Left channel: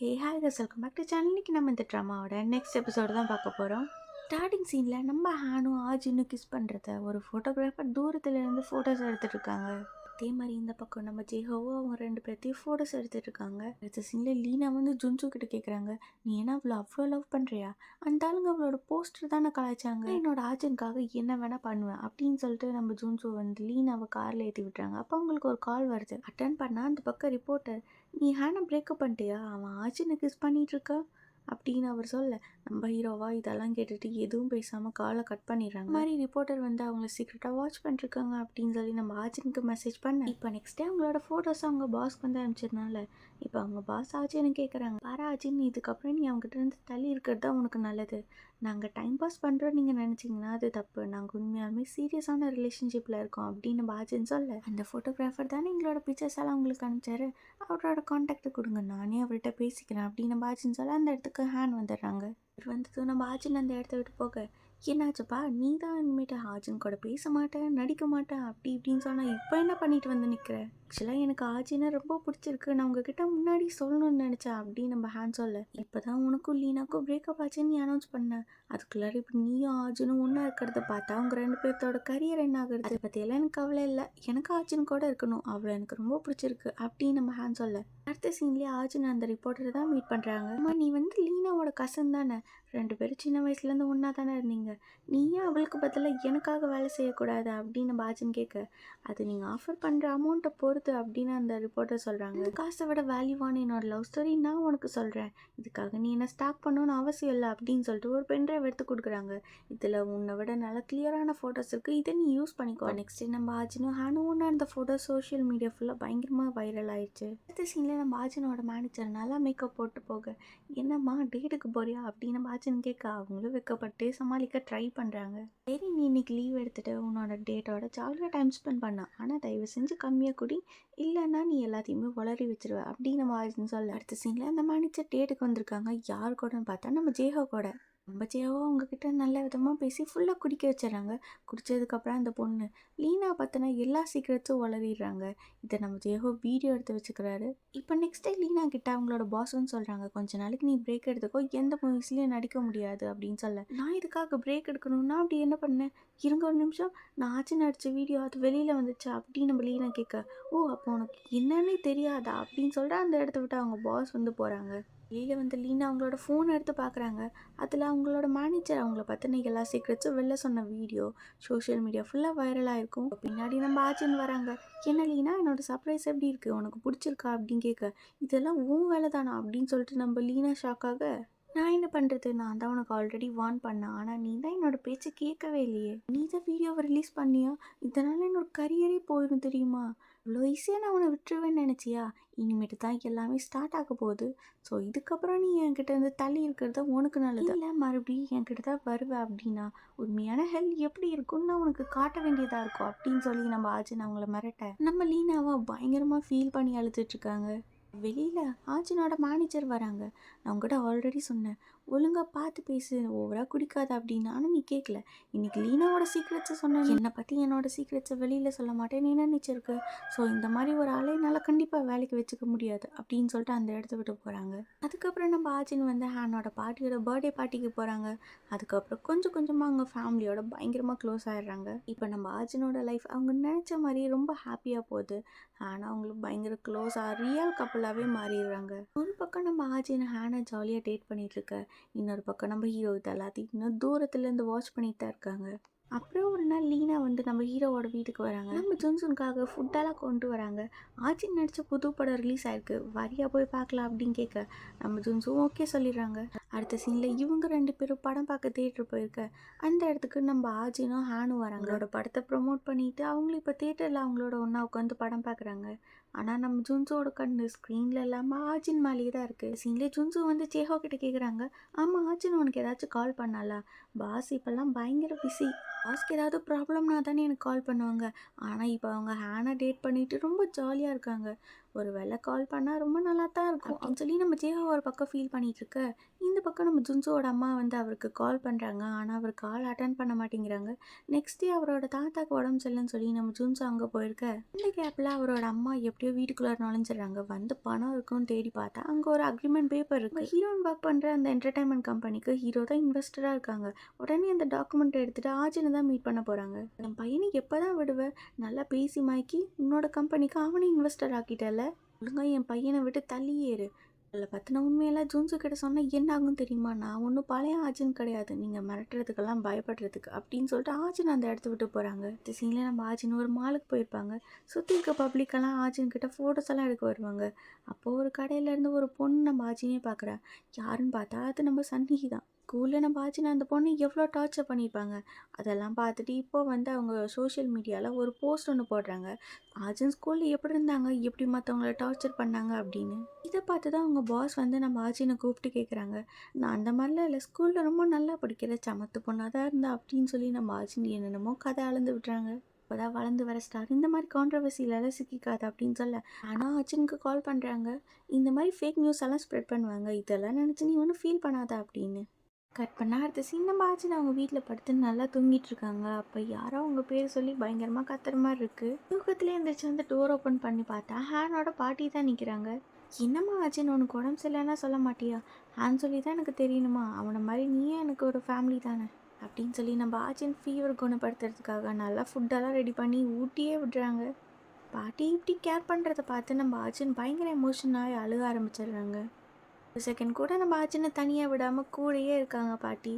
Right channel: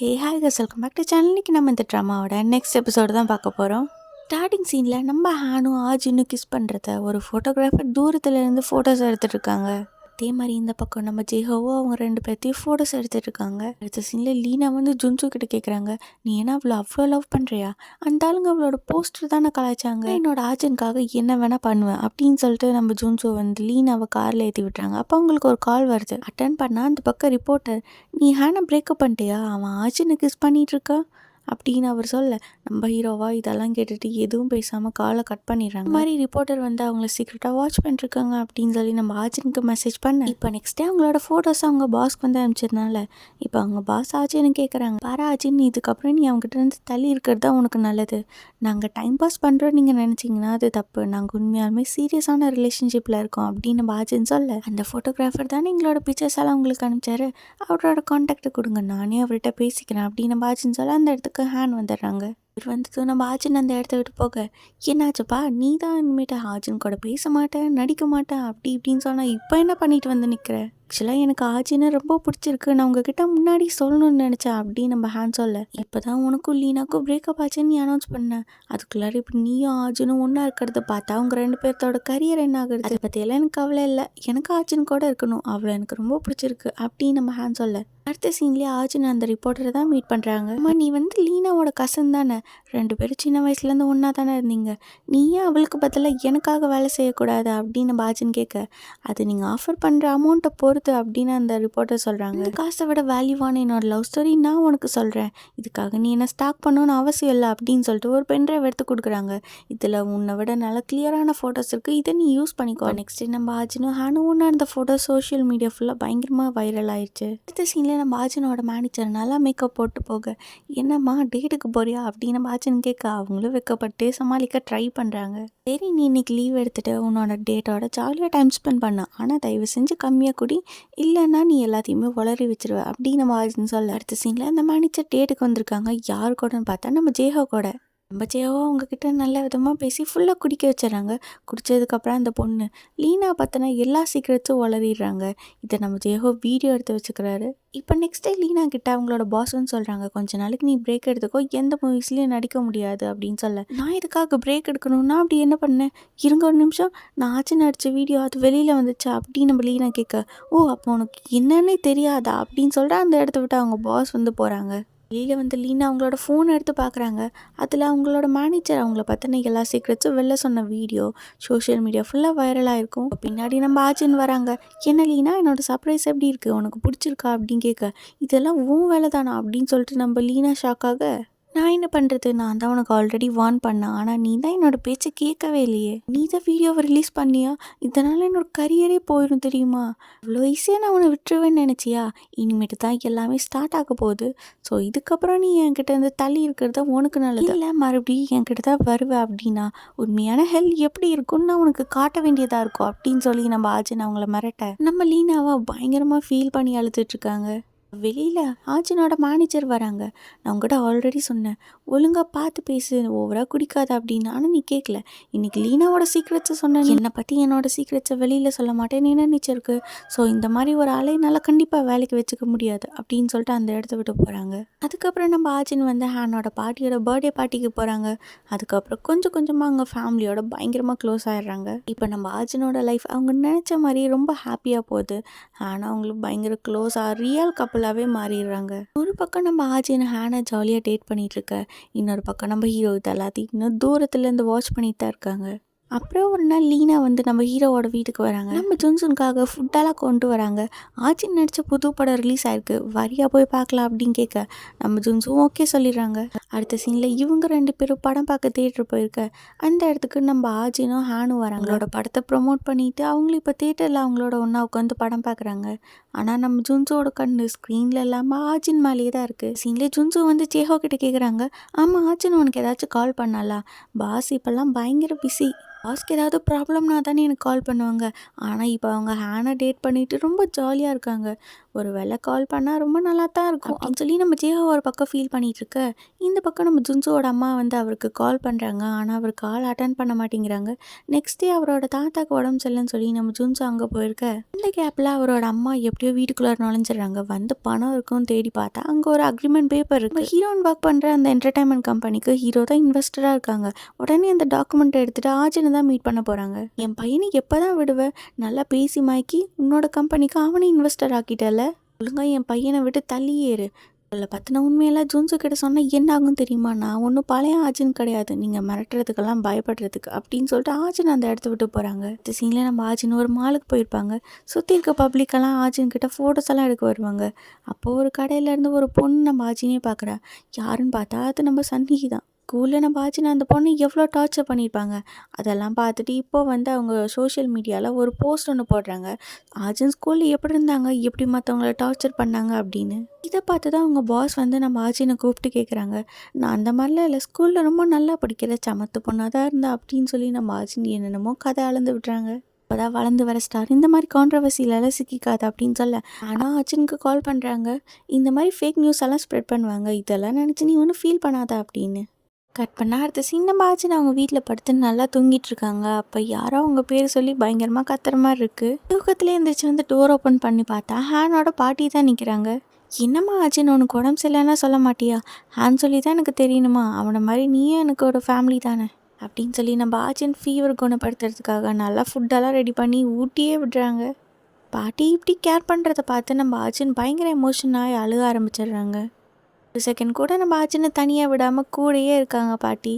Hey hi கஸ் welcome back to channel. இன்னைக்கு நம்ம இந்த ட்ராமாவோட நெக்ஸ்ட் எபிசோடு தான் பார்க்க போகிறோம். ஸ்டார்டிங் சீனில் நம்ம ஹானும் ஆஜின்னு கிஸ் பண்ணுறத ஒரு ஃபோட்டோகிராஃபர் தூரத்துலேருந்து ஃபோட்டோஸ் எடுத்துகிட்டு இருக்காங்க. அதே மாதிரி இந்த பக்கம் நம்ம ஜெஹோவோ அவங்க ரெண்டு பேர்த்தையும் ஃபோட்டோஸ் எடுத்துகிட்டு இருக்காங்க. அடுத்த சீனில் லீனா வந்து ஜுன்சு கிட்ட கேட்குறாங்க, நீ ஏன்னா அவ்வளோ லவ் பண்ணுறியா? அந்த ஆளுங்க அவளோட போஸ்டர் தானே கலாய்ச்சாங்க, என்னோட ஆஜனுக்காக என்ன வேணால் பண்ணுவேன் அப்படின்னு சொல்லிட்டு நம்ம ஜுன்சு வந்து லீனாவை காரில் ஏற்றி விட்டுறாங்க. அப்போ அவங்களுக்கு ஒரு கால் வருது. அட்டன் பண்ணால் அந்த பக்கம் ரிப்போர்ட்டர், நீ ஹேனை பிரேக்கப் பண்ணிட்டியா, அவன் ஆஜனை கிஸ் பண்ணிட்டு இருக்கா அப்படின்னு அவர் சொல்ல, நம்ம ஹீரோவா இதெல்லாம் கேட்டுட்டு எதுவும் பேசாமல் காலை கட் பண்ணிடுறாங்க. இந்த மாதிரி ரிப்போர்ட்டர் வந்து அவங்கள சீக்கிரட்டாக வாட்ச் பண்ணிருக்காங்க அப்படின்னு சொல்லி நம்ம ஆஜனுக்கு மெசேஜ் பண்ண, இப்போ நெக்ஸ்ட் டே அவங்களோட ஃபோட்டோஸ் அவங்க பாஸ்க்கு வந்து அனுப்பிச்சதுனால இப்போ அவங்க பாஸ் ஆஜின்னு கேட்குறாங்க, பாரு ஆஜின், இதுக்கப்புறம் நீ அவங்ககிட்ட இருந்து தள்ளி இருக்கிறது தான் உனக்கு நல்லது. நாங்கள் டைம் பாஸ் பண்ணுறோம் நீங்கள் நினச்சிங்கன்னா அது தப்பு. நாங்கள் உண்மையாலுமே சீரியஸான ரிலேஷன்ஷிப்பில் இருக்கோம் அப்படின்னு நம்ம ஆஜின்னு சொல்ல, அந்த ஃபோட்டோகிராஃபர் தானே எங்களோட பிக்சர்ஸ் எல்லாம் உங்களுக்கு அனுப்பிச்சாரு, அவரோட கான்டாக்டை கொடுங்க, நானே அவர்கிட்ட பேசிக்கிறேன் அப்படின்னு நம்ம ஆஜின்னு சொல்ல அந்த இடத்துக்கு ஹேண்ட் வந்துடுறாங்க. இவர் வந்து நம்ம ஆஜின் அந்த இடத்த விட்டு போக, என்னாச்சுப்பா நீ தான் இனிமேட்டு ஆஜின் கூட பேச மாட்டேன் நடிக்க மாட்டேன் அப்படி இப்படின்னு சொன்னால் இப்போ என்ன பண்ணிட்டு வந்து நிற்கிற? ஆக்சுவலாக எனக்கு ஆஜினை ரொம்ப பிடிச்சிருக்கு, நான் உங்ககிட்ட முன்னாடி சொல்லணும்னு நினச்சேன் அப்படின்னு நம்ம ஹேண்ட் சொல்ல, இப்போ தான் உனக்கும் லீனாக்கும் பிரேக்கப் ஆச்சுன்னு நீ அனௌன்ஸ் பண்ணேன், அதுக்குள்ளார இப்போ நீயும் ஆஜினும் ஒன்றா இருக்கிறத பார்த்தா அவங்க ரெண்டு பேர்த்தோட கரியர் என்ன ஆகுது, அதை பற்றியெல்லாம் எனக்கு கவலை இல்லை, எனக்கு ஆஜின் கூட இருக்கணும், அவளை எனக்கு ரொம்ப பிடிச்சிருக்கு அப்படின்னு நம்ம ஹேண்ட் சொல்ல, அடுத்த சீன்லேயே ஆஜின் அந்த ரிப்போர்ட்டரை தான் மீட் பண்ணுறாங்க. அம்மா நீ வந்து லீனாவோட கசன் தானே, ரெண்டு பேரும் சின்ன வயசுலேருந்து ஒன்றா தானே இருந்தீங்க, நீ ஏன் அவளுக்கு பதிலாக எனக்காக வேலை செய்யக்கூடாது அப்படின்னு நம்ம ஆஜின் கேட்க, அது நீங்கள் ஆஃபர் பண்ணுற அமௌண்ட்டை பொறுத்து அப்படின்னு அந்த ரிப்போர்ட்டர் சொல்கிறாங்க. இந்த காசை விட வேல்யூவான என்னோட லவ் ஸ்டோரி நான் உனக்கு சொல்கிறேன், இதுக்காக நீ என்ன ஸ்டாக் பண்ணணும்னு அவசியம் இல்லை அப்படின்னு சொல்லிட்டு ஒரு பென்ட்ரைவ் எடுத்து கொடுக்குறாங்க. இதில் உன்னை விட நல்ல கிளியரான ஃபோட்டோஸ் இருக்குது, இதை நீ யூஸ் பண்ணிக்கோ. நெக்ஸ்ட் நம்ம ஆஜினும் ஹானும் ஒன்றா இருந்த ஃபோட்டோ சோஷியல் மீடியா ஃபுல்லாக பயங்கரமாக வைரல் ஆயிடுச்சு. அடுத்த சீனில் நம்ம ஆஜினோட மேனேஜர் நல்லா மேக்கப் போட்டு போக, என்னம்மா டேட்டுக்கு போறியா அப்படின்னு நம்ம ஆஜின் கேட்க, அவங்களும் வெக்கப்பட்டு சமாளிக்க ட்ரை பண்ணுறாங்க. சரி நீ இன்னைக்கு லீவ் எடுத்துகிட்டு உன்னோட டேட்டோட ஜாலியாக டைம் ஸ்பெண்ட் பண்ண, ஆனால் தயவு செஞ்சு கம்மியாக குடி, இல்லைன்னா நீ எல்லாத்தையுமே உளறி வச்சிருவ அப்படின்னு நம்ம ஆஜின் சொல்ல, அடுத்த சீனில் அந்த மேனேஜர் டேட்டுக்கு வந்திருக்காங்க. யார் கூடன்னு பார்த்தா நம்ம ஜேஹோ கூட. நம்ம ஜேஹோ அவங்கக்கிட்ட நல்ல விதமாக பேசி ஃபுல்லாக குடிக்க வச்சிடறாங்க. குடித்ததுக்கப்புறம் அந்த பொண்ணு லீனா பற்றின எல்லா சீக்கிரட்ஸும் உளறிடுறாங்க. இதை நம்ம ஜேஹோ வீடியோ எடுத்து வச்சுக்கிறாரு. இப்போ நெக்ஸ்ட் டே லீனா கிட்ட அவங்களோட பாஸ்ன்னு சொல்கிறாங்க, கொஞ்ச நாளைக்கு நீ பிரேக் எடுத்துக்கோ, எந்த மூவிஸ்லேயும் நடிக்க முடியாது அப்படின்னு சொல்ல, நான் இதுக்காக பிரேக் எடுக்கணும்னா அப்படி என்ன பண்ணேன், இருங்க ஒரு நிமிஷம், நான் ஆச்சு நடித்த வீடியோ அது வெளியில் வந்துச்சா அப்படின்னு நம்ம லீனா கேட்க, ஓ அப்போ உனக்கு என்னன்னே தெரியாதா அப்படின்னு சொல்லிட்டு அந்த இடத்த விட்டு அவங்க பாஸ் வந்து போகிறாங்க. வெளியில் வந்து லீனா அவங்களோட ஃபோன் எடுத்து பார்க்குறாங்க. அதில் அவங்களோட மேனேஜர் அவங்கள பற்றின எல்லா சீக்ரெட்ஸும் வெளில சொன்ன வீடியோ சோஷியல் மீடியா ஃபுல்லாக வைரலாக இருக்கும். பின்னாடி நம்ம ஆச்சின்னு வராங்க. என்ன லீனா என்னோட சர்ப்ரைஸ் எப்படி இருக்குது, உனக்கு பிடிச்சிருக்கா அப்படின்னு கேட்க, இதெல்லாம் உன் வேலை தானா அப்படின்னு சொல்லிட்டு நம்ம லீனா ஷாக்காக, நான் என்ன பண்ணுறது, நான் தான் உனக்கு ஆல்ரெடி வார்ன் பண்ணேன், ஆனால் நீ தான் என்னோட பேச்சை கேட்கவே இல்லையே, நீ தான் வீடியோவை ரிலீஸ் பண்ணியா, இதனால் என்னோட கரியரே போயிடும் தெரியுமா, அவ்வளோ ஈஸியாக நான் உன்னை விட்டுருவேன்னு நினச்சியா, இனிமேட்டு தான் எல்லாமே ஸ்டார்ட் ஆக போகுது, ஸோ இதுக்கப்புறம் நீ என்கிட்ட இருந்து தள்ளி இருக்கிறது தான் உனக்கு நல்லது, இல்லை மறுபடியும் என்கிட்ட தான் வருவேன் அப்படின்னா உண்மையான ஹெல்த் எப்படி இருக்கும்னு நான் உனக்கு காட்ட வேண்டியதாக இருக்கும் அப்படின்னு சொல்லி நம்ம ஆஜின் அவங்கள மிரட்ட, நம்ம லீனாவை பயங்கரமாக ஃபீல் பண்ணி அழுதுட்ருக்காங்க. வெளியில் ஆஜினோட மேனேஜர் வராங்க. நான் உங்கள்கிட்ட ஆல்ரெடி சொன்னேன், ஒழுங்காக பார்த்து பேசு, ஓவராக குடிக்காத அப்படின்னு, ஆனால் நீ கேட்கல. இன்றைக்கி லீனாவோட சீக்ரெட்ஸை சொன்னேன், என்னை பற்றி என்னோட சீக்ரெட்ஸை வெளியில் சொல்ல மாட்டேன்னு என்ன நினச்சிருக்கு, ஸோ இந்த மாதிரி ஒரு ஆளை என்னால் கண்டிப்பாக வேலைக்கு வச்சுக்க முடியாது அப்படின்னு சொல்லிட்டு அந்த இடத்த விட்டு போகிறாங்க. அதுக்கப்புறம் நம்ம ஆஜின் வந்து ஹேனோட பாட்டியோட பர்த்டே பார்ட்டிக்கு போகிறாங்க. அதுக்கப்புறம் கொஞ்சம் கொஞ்சமாக அவங்க ஃபேமிலியோட பயங்கரமாக க்ளோஸ் ஆகிடுறாங்க. இப்போ நம்ம ஆஜினோட லைஃப் அவங்க நினச்ச மாதிரி ரொம்ப ஹாப்பியாக போகுது. ஆனால் அவங்களுக்கு பயங்கர க்ளோஸாக ரியல் கப்பலாகவே மாறிடுறாங்க. ஒரு பக்கம் நம்ம ஆஜின் ஹேனை ஜாலியாக டேட் பண்ணிகிட்டு இருக்க, இன்னொரு பக்கம் நம்ம ஹீரோ இது எல்லாத்தையும் இன்னும் தூரத்துலேருந்து வாட்ச் பண்ணிட்டு தான் இருக்காங்க. அப்புறம் ஒரு நாள் லீனா வந்து நம்ம ஹீரோவோட வீட்டுக்கு வராங்க. நம்ம ஜுன்சுனுக்காக ஃபுட்டெல்லாம் கொண்டு வராங்க. ஆச்சின் நடித்த புது படம் ரிலீஸ் ஆயிருக்கு, வரியா போய் பார்க்கலாம் அப்படின்னு கேட்க, நம்ம ஜுன்சும் ஓகே சொல்லிடுறாங்க. அடுத்த சீனில் இவங்க ரெண்டு பேரும் படம் பார்க்க தேட்டர் போயிருக்க அந்த இடத்துக்கு நம்ம ஆஜினும் ஹேனும் வராங்க. அவங்களோட படத்தை ப்ரொமோட் பண்ணிட்டு அவங்களும் இப்போ தேட்டரில் அவங்களோட ஒன்றா உட்காந்து படம் பார்க்குறாங்க. ஆனால் நம்ம ஜுன்சுவோட கண்ணு ஸ்க்ரீனில் இல்லாமல் ஆஜின் மேலேயே தான் இருக்குது. சீனில் ஜுன்சு வந்து ஜேஹோ கிட்ட கேட்குறாங்க, ஆமாம் ஆஜின் உனக்கு ஏதாச்சும் கால் பண்ணாலா, பாஸ் இப்போல்லாம் பயங்கர பிஸி, பாஸ்க்கு ஏதாவது ப்ராப்ளம்னா தானே எனக்கு கால் பண்ணுவாங்க, ஆனால் இப்போ அவங்க ஹேனை டேட் பண்ணிவிட்டு ரொம்ப ஜாலியாக இருக்காங்க, ஒரு வேளை கால் பண்ணால் ரொம்ப நல்லா தான் இருக்கும் அப்படின்னு சொல்லி நம்ம ஜேஹோ ஒரு பக்கம் ஃபீல் பண்ணிட்டு இருக்க, இந்த பக்கம் நம்ம ஜுன்சோட அம்மா வந்து அவருக்கு கால் பண்ணுறாங்க. ஆனால் அவர் கால் அட்டன் பண்ண மாட்டேங்கிறாங்க. நெக்ஸ்ட் டே அவரோட தாத்தாக்கு உடம்பு சரியில்லைன்னு சொல்லி நம்ம ஜுன்சோ அங்கே போயிருக்க, இந்த கேப்பில் அவரோட அம்மா எப்படியோ வீட்டுக்குள்ளே நுழைஞ்சிடுறாங்க. வந்து பணம் இருக்கும்னு தேடி பார்த்தா அங்கே ஒரு அக்ரிமெண்ட் பேப்பர் இருக்கு. ஹீரோன் ஒர்க் பண்ணுற அந்த என்டர்டைன்மெண்ட் கம்பெனிக்கு ஹீரோ தான் இன்வெஸ்டராக இருக்காங்க. உடனே அந்த டாக்குமெண்ட் எடுத்துகிட்டு ஆஜனை தான் மீட் பண்ண போகிறாங்க. என் பையனை எப்போ தான் விடுவேன், நல்லா பேசி மாய்க்கி உன்னோட கம்பெனிக்கு அவனே இன்வெஸ்டர் ஆக்கிட்டல, ஒழுங்காக என் பையனை விட்டு தள்ளியேறு. அதில் பற்றின உண்மையெல்லாம் ஜூன்ஸு கிட்ட சொன்னால் என்ன ஆகும் தெரியுமா, நான் ஒன்றும் பழைய ஆஜன் கிடையாது, நீங்கள் மிரட்டுறதுக்கெல்லாம் பயப்படுறதுக்கு அப்படின்னு சொல்லிட்டு ஆஜன் அந்த இடத்த விட்டு போகிறாங்க. இந்த சீனில் நம்ம ஆஜின் ஒரு மாலுக்கு போயிருப்பாங்க. சுற்றி இருக்க பப்ளிக்கெல்லாம் ஆஜின் கிட்ட ஃபோட்டோஸ் எல்லாம் எடுக்க வருவாங்க. அப்போது ஒரு கடையிலேருந்து ஒரு பொண்ணு நம்ம ஆஜினே பார்க்குறா. யாருன்னு பார்த்தா அது நம்ம சன்னிகி தான். ஸ்கூலில் நம்ம ஆச்சுன்னா அந்த பொண்ணு எவ்வளோ டார்ச்சர் பண்ணியிருப்பாங்க. அதெல்லாம் பார்த்துட்டு இப்போ வந்து அவங்க சோஷியல் மீடியாவில் ஒரு போஸ்ட் ஒன்று போடுறாங்க. ஆஜன் ஸ்கூலில் எப்படி இருந்தாங்க, எப்படி மற்றவங்கள டார்ச்சர் பண்ணாங்க அப்படின்னு. இதை பார்த்து தான் அவங்க பாஸ் வந்து நம்ம ஆஜினை கூப்பிட்டு கேட்குறாங்க. நான் அந்த மாதிரிலாம் இல்லை, ஸ்கூலில் ரொம்ப நல்லா படிக்கிற சமத்து பொண்ணாக தான் இருந்தா அப்படின்னு சொல்லி நம்ம ஆஜின் என்னென்னமோ கதை அளந்து விட்றாங்க. அப்போதான் வளர்ந்து வர ஸ்டார் இந்த மாதிரி கான்ட்ரவர்சிலெல்லாம் சிக்கிக்காது அப்படின்னு சொல்ல, ஆனால் அர்ஜுனுக்கு கால் பண்ணுறாங்க. இந்த மாதிரி ஃபேக் நியூஸ் எல்லாம் ஸ்ப்ரெட் பண்ணுவாங்க, இதெல்லாம் நினச்சி நீ ஒன்றும் ஃபீல் பண்ணாத அப்படின்னு. கட் பண்ணால் அடுத்த சீன் நம்ம ஆச்சுன்னு அவங்க வீட்டில் படுத்து நல்லா தூங்கிட்டு இருக்காங்க. அப்போ யாரோ அவங்க பேர் சொல்லி பயங்கரமாக கத்துற மாதிரி இருக்குது. தூக்கத்துலேயே எழுந்திரிச்சு வந்து டோர் ஓப்பன் பண்ணி பார்த்தா ஹேனோட பாட்டி தான் நிற்கிறாங்க. என்னம்மா ஆச்சுன்னு உனக்கு உடம்பு சரியில்லைன்னா சொல்ல மாட்டியா, ஹேன் சொல்லி தான் எனக்கு தெரியணுமா, அவனை மாதிரி நீயும் எனக்கு ஒரு ஃபேமிலி தானே அப்படின்னு சொல்லி நம்ம ஆச்சின் ஃபீவர் குணப்படுத்துறதுக்காக நல்லா ஃபுட்டெல்லாம் ரெடி பண்ணி ஊட்டியே விடுறாங்க. பாட்டி இப்படி கேர் பண்ணுறதை பார்த்து நம்ம ஆச்சின் பயங்கர எமோஷனாக அழுக ஆரம்பிச்சிடுறாங்க. ஒரு செகண்ட் கூட நம்ம ஆச்சினை தனியாக விடாமல் கூடயே இருக்காங்க பாட்டி.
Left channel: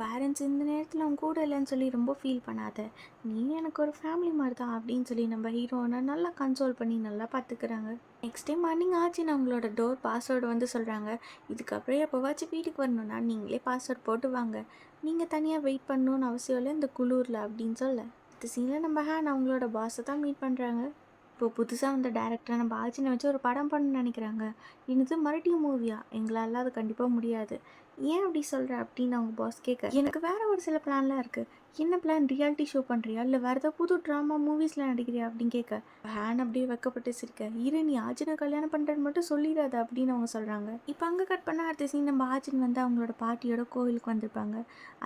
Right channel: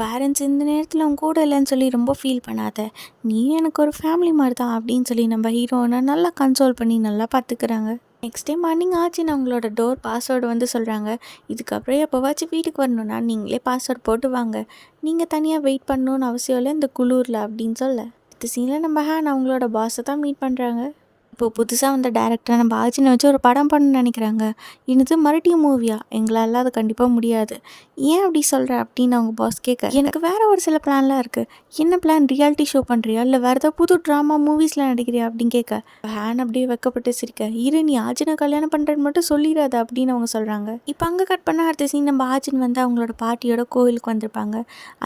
பேரண்ட்ஸ் இந்த நேரத்தில் அவங்க கூட இல்லைன்னு சொல்லி ரொம்ப ஃபீல் பண்ணாத, நீ எனக்கு ஒரு ஃபேமிலி மாதிரி தான் அப்படின்னு சொல்லி நம்ம ஹீரோனை நல்லா கன்சோல் பண்ணி நல்லா பார்த்துக்கிறாங்க. நெக்ஸ்ட் டே மார்னிங் ஆச்சின்னு அவங்களோட டோர் பாஸ்வேர்டு வந்து சொல்கிறாங்க. இதுக்கப்புறம் எப்போவாச்சும் வீட்டுக்கு வரணுன்னா நீங்களே பாஸ்வேர்ட் போட்டு வாங்க, நீங்கள் தனியாக வெயிட் பண்ணணுன்னு அவசியம் இல்லை இந்த குளூரில் அப்படின்னு சொல்ல, இந்த சீனில் நம்ம ஹேன் அவங்களோட பாஸை தான் மீட் பண்ணுறாங்க. இப்போ புதுசாக வந்த டேரக்டரை நம்ம ஆச்சினை வச்சு ஒரு படம் பண்ணணும்னு நினைக்கிறாங்க. என்னது மறுபடியும் மூவியா, எங்களால் அது கண்டிப்பாக முடியாது. ஏன் அப்படி சொல்கிற அப்படின்னு அவங்க பாஸ் கேட்க, எனக்கு வேறு ஒரு சில பிளான்லாம் இருக்குது. என்ன பிளான், ரியாலிட்டி ஷோ பண்ணுறியா இல்லை வேறு ஏதாவது புது ட்ராமா மூவிஸில் நடிக்கிறியா அப்படின்னு கேட்க, ஹேன் அப்படியே வைக்கப்பட்டு சிரிக்க, இரு நீ ஆச்சினை கல்யாணம் பண்ணுறேன்னு மட்டும் சொல்லிடாத அப்படின்னு அவங்க சொல்கிறாங்க. இப்போ அங்கே கட் பண்ண அடுத்த சீன் நம்ம ஆச்சின் வந்து அவங்களோட பாட்டியோட கோவிலுக்கு வந்திருப்பாங்க.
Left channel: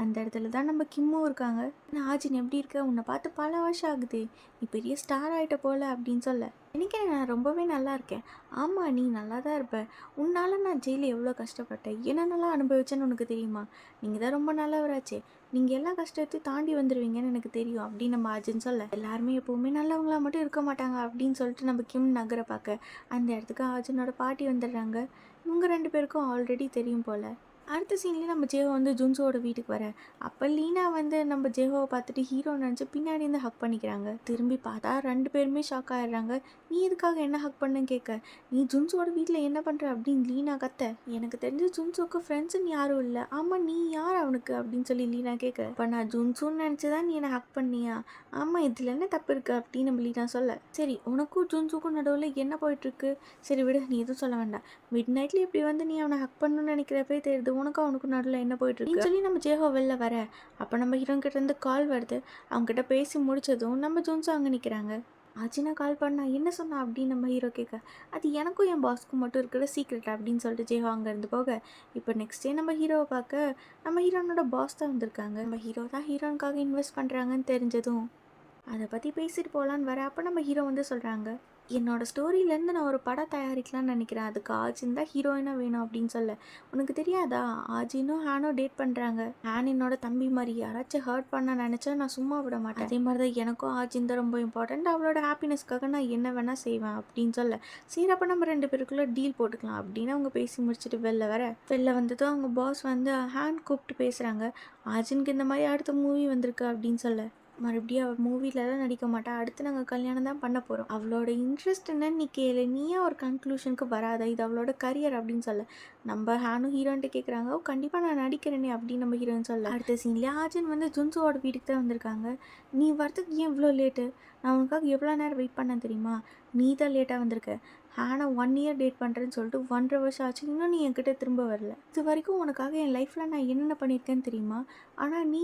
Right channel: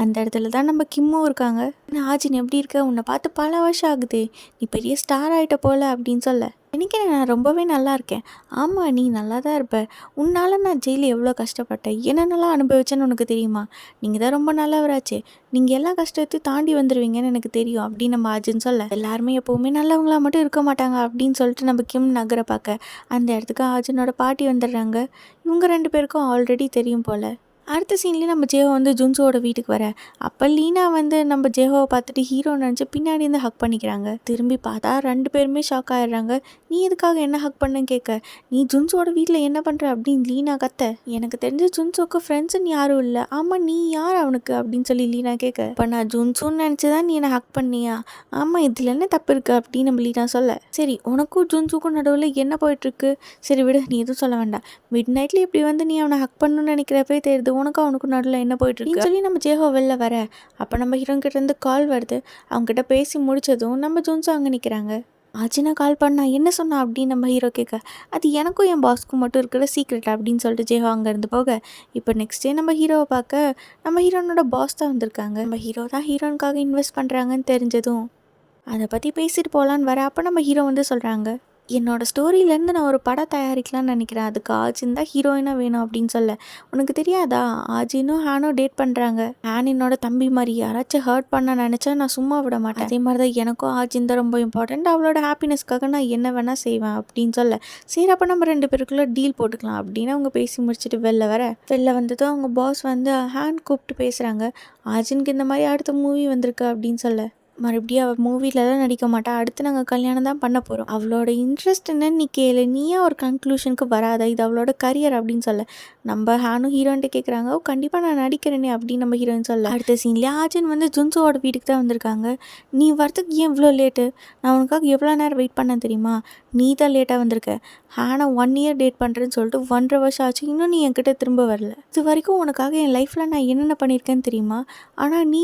அந்த இடத்துல தான் நம்ம கிம்மும் இருக்காங்க. ஆச்சின் எப்படி இருக்க, உன்னை பார்த்து பல வருஷம் ஆகுது, நீ பெரிய ஸ்டார் ஆகிட்ட போல அப்படின்னு சொல்ல, நினைக்கிறேன் நான் ரொம்பவே நல்லா இருக்கேன். ஆமாம் நீ நல்லா தான் இருப்ப, உன்னால் நான் ஜெயிலில் எவ்வளோ கஷ்டப்பட்டேன், என்னென்னலாம் அனுபவிச்சேன்னு உனக்கு தெரியுமா, நீங்கள் தான் ரொம்ப நல்லவராச்சே, நீங்கள் எல்லா கஷ்டத்தையும் தாண்டி வந்துடுவீங்கன்னு எனக்கு தெரியும் அப்படின்னு நம்ம ஆஜின்னு சொல்ல, எல்லாருமே எப்போவுமே நல்லவங்களா மட்டும் இருக்க மாட்டாங்க அப்படின்னு சொல்லிட்டு நம்ம கிம் நகரை பார்க்க அந்த இடத்துக்கு ஆஜினோட பாட்டி வந்துடுறாங்க. இவங்க 2 பேருக்கும் ஆல்ரெடி தெரியும் போல். அடுத்த சீன்லேயே நம்ம ஜேஹோ வந்து ஜுன்சோட வீட்டுக்கு வர, அப்போ லீனா வந்து நம்ம ஜேஹோவை பார்த்துட்டு ஹீரோ நினச்சி பின்னாடி இருந்து ஹக் பண்ணிக்கிறாங்க. திரும்பி பார்த்தா 2 பேருமே ஷாக் ஆகிடுறாங்க. நீ எதுக்காக என்ன ஹக் பண்ணுன்னு கேட்க, நீ ஜுன்சோட வீட்டில் என்ன பண்ணுற அப்படின்னு லீனா கத்த, எனக்கு தெரிஞ்ச ஜுன்சோக்கு ஃப்ரெண்ட்ஸுன்னு யாரும் இல்லை, ஆமாம் நீ யார் அவனுக்கு அப்படின்னு சொல்லி லீனா கேட்க, இப்போ நான் ஜுன்சோன்னு நினச்சி தான் நீ என்னை ஹக் பண்ணியா, ஆமாம் இதில் என்ன தப்பு இருக்குது அப்படின்னு நம்ம லீனா சொல்ல, சரி உனக்கும் ஜுன்சுக்கும் நடுவில் என்ன போயிட்டுருக்கு, சரி விடு நீ எதுவும் சொல்ல வேண்டாம், மிட் நைட்டில் இப்படி வந்து நீ அவனை ஹக் பண்ணணும்னு நினைக்கிறப்பே தெரியுது உனக்கும் அவனுக்கு நடுவில் என்ன போயிட்டுருக்கு சொல்லி நம்ம ஜேஹோ வெளில வர, அப்போ நம்ம ஹீரோன் கிட்டேருந்து கால் வருது. அவங்ககிட்ட பேசி முடிச்சதும் நம்ம ஜுன்சோ அங்கே நிற்கிறாங்க. ஆச்சினா கால் பண்ணா என்ன சொன்னா அப்படின்னு நம்ம ஹீரோ கேட்க, அது எனக்கும் என் பாஸ்க்கும் மட்டும் இருக்கிற சீக்ரெட் அப்படின்னு சொல்லிட்டு ஜேஹோ அங்கேருந்து போக, இப்போ நெக்ஸ்ட் டே நம்ம ஹீரோவை பார்க்க நம்ம ஹீரோனோட பாஸ் தான் வந்திருக்காங்க. நம்ம ஹீரோ தான் ஹீரோனுக்காக இன்வெஸ்ட் பண்ணுறாங்கன்னு தெரிஞ்சதும் அதை பற்றி பேசிட்டு போகலான்னு வர, அப்போ நம்ம ஹீரோ வந்து சொல்கிறாங்க, என்னோடய ஸ்டோரியிலேருந்து நான் ஒரு படம் தயாரிக்கலாம்னு நினைக்கிறேன், அதுக்கு ஆஜின் தான் ஹீரோயினாக வேணும் அப்படின்னு சொல்ல, உனக்கு தெரியாதா ஆஜினும் ஹேனும் டேட் பண்ணுறாங்க, ஹேன் என்னோட தம்பி மாதிரி, யாராச்சும் ஹர்ட் பண்ண நினச்சா நான் சும்மா விட மாட்டேன், அதே மாதிரி தான் எனக்கும் ஆஜின் தான் ரொம்ப இம்பார்ட்டண்ட், அவளோட ஹாப்பினஸ்க்காக நான் என்ன வேணால் செய்வேன் அப்படின்னு சொல்ல, சரி அப்போ நம்ம 2 பேருக்குள்ளே டீல் போட்டுக்கலாம் அப்படின்னு அவங்க பேசி முடிச்சுட்டு வெளில வந்ததும் அவங்க பாஸ் வந்து ஹேன் கூப்பிட்டு பேசுகிறாங்க. ஆஜினுக்கு இந்த மாதிரி அடுத்த மூவி வந்திருக்கு அப்படின்னு சொல்ல, மறுபடியும் அவள் மூவிலலாம் நடிக்க மாட்டா, அடுத்து நாங்கள் கல்யாணம் தான் பண்ண போகிறோம், அவளோட இன்ட்ரெஸ்ட் என்னன்னு நீ கேளு, நீயே ஒரு கன்க்ளூஷனுக்கு வராத, இது அவளோட கரியர் அப்படின்னு சொல்ல, நம்ம ஹேனும் ஹீரோன்ட்டு கேட்குறாங்க, ஓ கண்டிப்பாக நான் நடிக்கிறேனே அப்படின்னு நம்ம ஹீரோயின் சொல்ல, அடுத்த சீன்லேயே ஆஜின் வந்து ஜுன்சோவோட வீட்டுக்கு தான் வந்திருக்காங்க. நீ வரத்துக்கு ஏன் இவ்வளோ லேட்டு, நான் உனக்காக எவ்வளோ நேரம் வெயிட் பண்ணேன் தெரியுமா, நீ தான் லேட்டாக வந்திருக்க, ஹேனை 1 இயர் டேட் பண்ணுறேன்னு சொல்லிட்டு 1.5 வருஷம் ஆச்சு, இன்னும் நீ என்கிட்ட திரும்ப வரல, இது வரைக்கும் உனக்காக என் லைஃப்பில் நான் என்னென்ன பண்ணியிருக்கேன்னு தெரியுமா, ஆனால் நீ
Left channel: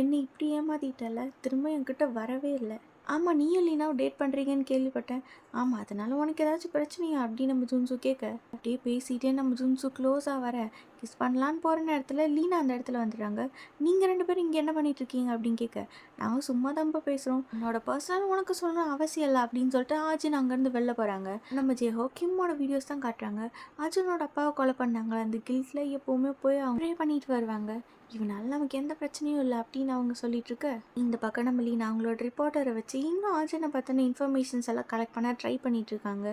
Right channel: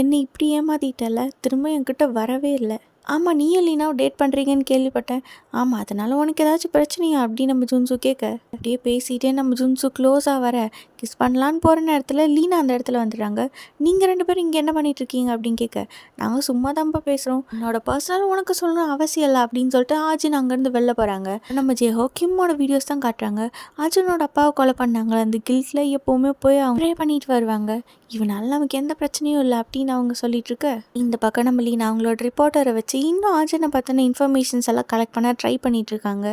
என்னை இப்படி ஏமாத்திட்டல, திரும்ப என்கிட்ட வரவே இல்லை, ஆமாம் நீயும் லீனாவும் டேட் பண்ணுறீங்கன்னு கேள்விப்பட்டேன். ஆமாம் அதனால் உனக்கு ஏதாச்சும் பிரச்சனையா அப்படின்னு நம்ம ஜுன்சு கேட்க, அப்படியே பேசிகிட்டே நம்ம ஜுன்சு க்ளோஸாக வர கிஸ் பண்ணலான்னு போகிற நேரத்தில் லீனா அந்த இடத்துல வந்துடுறாங்க. நீங்கள் 2 பேரும் இங்கே என்ன பண்ணிட்டு இருக்கீங்க அப்படின்னு கேட்க, நாங்கள் சும்மா தான்ப்பா பேசுகிறோம், என்னோட பர்சனல் உனக்கு சொல்லணும் அவசியம் இல்லை அப்படின்னு சொல்லிட்டு ஆஜின் அங்கேருந்து வெளில போகிறாங்க. நம்ம ஜெஹோ கிம்மோட வீடியோஸ் தான் காட்டுறாங்க. அர்ஜுனோட அப்பாவை கொலை பண்ணாங்க அந்த கில்ட்டில் எப்போவுமே போய் அவங்க ப்ரே பண்ணிட்டு வருவாங்க. இவனால நமக்கு எந்த பிரச்சனையும் இல்லை அப்படின்னு அவங்க சொல்லிட்டு இருக்க, இந்த பக்கம் நம்ம லீனா அவங்களோட ரிப்போர்ட்டரை வச்சு இன்னும் அர்ஜுனை பற்றின இன்ஃபர்மேஷன்ஸ் எல்லாம் கலெக்ட் பண்ண ட்ரை பண்ணிட்டு இருக்காங்க.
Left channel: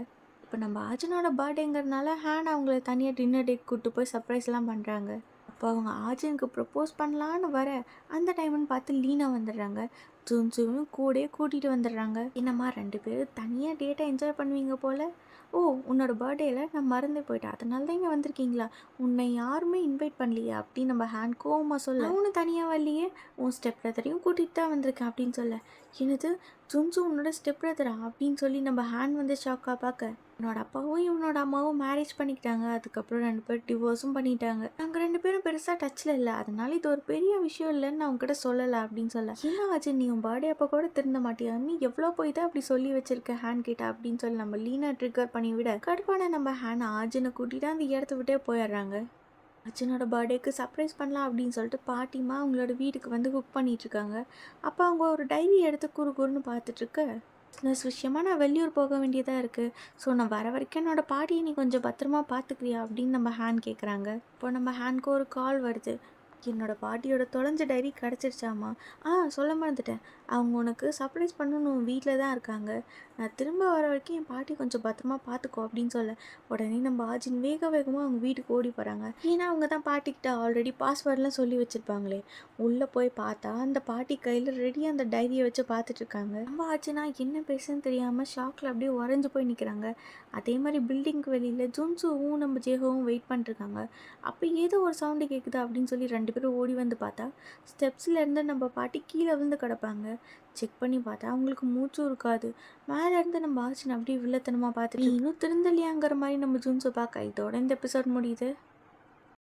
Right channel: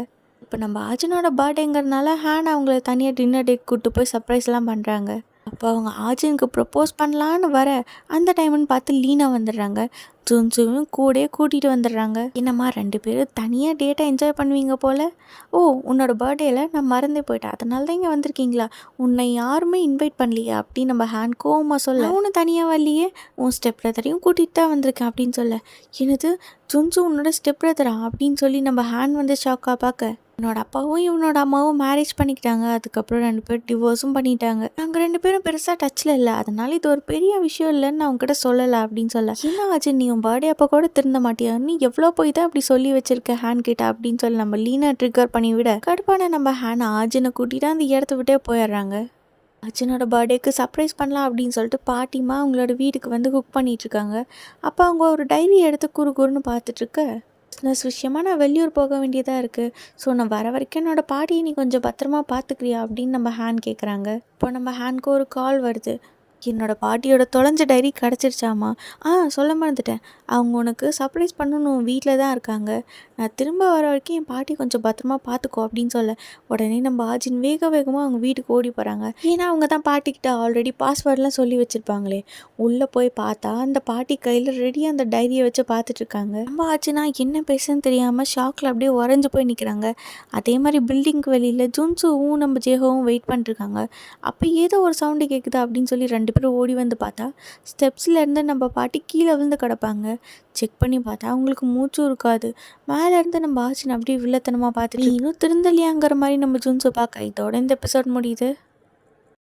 இப்போ நம்ம அர்ஜுனோட பர்த்டேங்கிறதுனால ஹேன் அவங்கள தனியாக டின்னர் டேட் கூப்பிட்டு போய் சர்ப்ரைஸ்லாம் பண்ணுறாங்க. அப்போ அவங்க ஆர்ஜுனுக்கு ப்ரப்போஸ் பண்ணலான்னு வர அந்த டைம்னு பார்த்து லீனா வந்துடுறாங்க. ஜுன்சுவும் கூடயே கூட்டிகிட்டு வந்துடுறாங்க. என்னம்மா 2 பேரும் தனியாக டேட்டை என்ஜாய் பண்ணுவீங்க போல். ஓ உன்னோட பர்த்டேயில் நான் மறந்தே போயிட்டேன், அதனால தான் இங்கே வந்திருக்கீங்களா, உன்னை யாருமே இன்வைட் பண்ணலையா அப்படின்னு நம்ம ஹேண்ட் கோவமாக சொல்ல, உன்னை தனியாக வரலையே, உன் ஸ்டெப் பிரதரையும் கூட்டிகிட்டு தான் வந்திருக்கேன் அப்படின்னு சொல்ல, என்னது ஜுன்சு உன்னோட ஸ்டெப் பிரதரா அப்படின்னு சொல்லி நம்ம ஹேண்ட் வந்து ஷாக்காக பார்க்க, என்னோட அப்பாவும் இவனோட அம்மாவும் மேரேஜ் பண்ணிக்கிட்டாங்க, அதுக்கப்புறம் 2 பேரும் டிவோர்ஸும் பண்ணிட்டாங்க, நாங்கள் 2 பேரும் பெருசாக டச்சில் இல்லை, அதனால இது ஒரு பெரிய விஷயம் இல்லைன்னு நான் உங்ககிட்ட சொல்லலை அப்படின்னு சொல்ல, என்ன ஆச்சு நீ உன் பர்த்டே அப்போ கூட திருந்த மாட்டியா, நீ எவ்வளோ போய் தான் அப்படி சொல்லி வச்சிருக்க ஹேண்ட் கிட்ட அப்படின்னு சொல்லி நம்ம லீனா ட்ரிகர் பண்ணி விட, கடுப்பான நம்ம ஹேன் ஆர்ஜுனை கூட்டிட்டு அந்த இடத்த விட்டே போயிடுறாங்க. அர்ஜுனோட பர்த்டேக்கு சர்ப்ரைஸ் பண்ணலாம் அப்படின்னு சொல்லிட்டு பாட்டிமா அவங்களோட வீட்டுக்கு வந்து குக் பண்ணிகிட்ருக்காங்க. அப்போ அவங்க ஒரு டைரி எடுத்து குறுன்னு பார்த்துட்ருக்க, பிஸ்னஸ் விஷயமா நான் வெளியூர் போக வேண்டியதாக இருக்குது, ஸோ நான் வர வரைக்கும் என்னோடய பாட்டியை நீ கொஞ்சம் பத்திரமா பார்த்துக்கிறியா அப்படின்னு நம்ம ஹேண்ட் கேட்குறாங்க. இப்போ நம்ம ஹேண்ட்க்கு ஒரு கால் வருது. என்னோடய பாட்டியோட தொலைஞ்ச டைரி கிடச்சிருச்சாமா, சொல்ல மறந்துட்டேன், அவங்க உனக்கு சர்ப்ரைஸ் பண்ணணும் வீட்டில் தான் இருக்காங்க, நான் திரும்ப வர வரைக்கும் என் பாட்டி கொஞ்சம் பத்திரமா பார்த்துக்கோ அப்படின்னு சொல்ல, உடனே நம்ம ஆஜின் வேகமாக அவங்க வீட்டுக்கு ஓடி போகிறாங்க. ஏன்னா அவங்க தான் பாட்டிக்கிட்ட ஆல்ரெடி பாஸ்வேர்ட்லாம் சொல்லி வச்சுருப்பாங்களே. உள்ளே போய் பார்த்தா அந்த பாட்டி கையில் ரெடியாக அந்த டைரியை வச்சு பார்த்துட்ருக்காங்க. நம்ம ஆச்சுன்னா என்ன பேசுன்னு தெரியாமல் ஷாக்கில் அப்படியே உறைஞ்சி போய் நிற்கிறாங்க. அதே மாதிரி பில்டிங்க்கு வெளியில் ஜுன்சுவும் நம்ம ஜேஹோவும் வெயிட் பண்ணிட்டுருக்காங்க. அப்போ ஏதோ ஒரு சவுண்டு கேட்குதா அப்படின்னு சொல்லி 2 பேரும் ஓடி வந்து பார்த்தா ஸ்டெப்ஸ்லேருந்து நம்ம பாட்டி கீழே விழுந்து கிடப்பாங்க. செக் பண்ணி பார்த்தா அவங்களுக்கு மூச்சும் இருக்காது. மேலேருந்து நம்ம ஆச்சின் அப்படியே வில்லத்தனமாக பார்த்துட்டு இன்னும் திருந்தலையாங்கிற மாதிரி நம்ம ஜுன்சு பார்க்க. இதோட இந்த எபிசோட் முடியுது.